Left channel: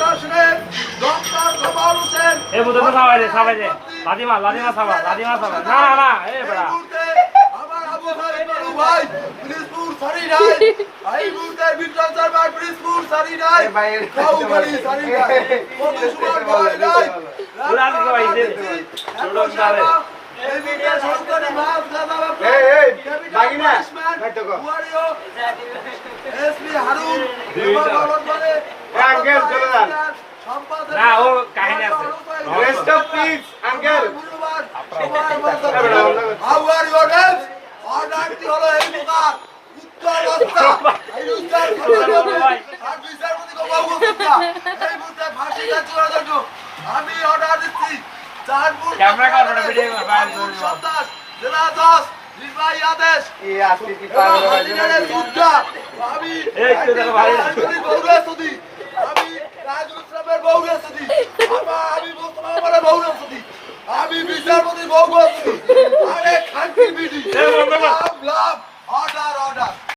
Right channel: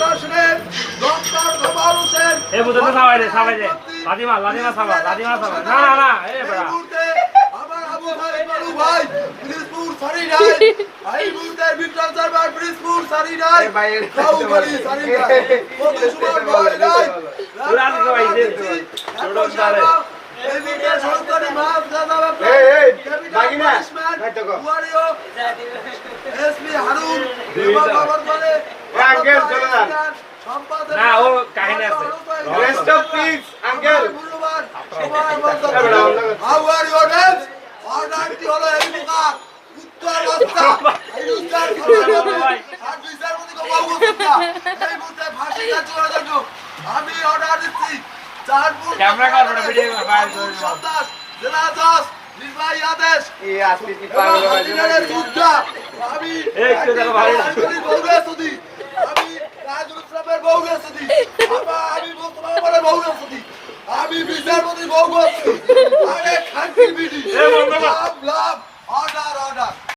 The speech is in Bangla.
প্রশাসনের ডক্টর গোপাল হোসেন এই বুঝতে সবাই রে লাদিমা সবাই না এই বড়া আমার আবু সাইদ বাবু ভাই প্রিন্সপুর সারি নাই ভাই বুঝতে বিক্রম শর্মা প্রিন্সপুর সারি নাই কাউখালী সারি নাই মধু সুমন ভাই নাই পুরান সবাই দে ছোট সারে এই মিডিয়া সংস্থানে মাফ দাদা বাগিনা কাটকো এসপি হারুন বাবার মানে আঙ্কেল চলে যান না ও কাহিনী আছে রেস্ট অফ পিস আঙ্কেল গুরুবার হাউ আর ইউ ডেন্স অর্ডারটি হলো এই প্রকার উত্তর রাস্তা এই উত্তর আর বিচারপতি বাবু সুদ্ধা এই মুহূর্তে ফাঁসি কাছে রাখো আমি অর্ডার দিচ্ছি চারপুর ক্যামেরা কার ভিডিও ফাইল করে সন্তান জেলা 10 নির্বাহী আদেশ এই আসছে কি পাগল আমি এই তো দেখো ভাই বৌরাসুদি আমি রাজুল ইসলামের বৌরাসুদি আমি মুসলমানের বৌরাসুদি আমি বিচারপতি বৌরাসুদি আরে খানকি বিডি এই বৌরা লাভ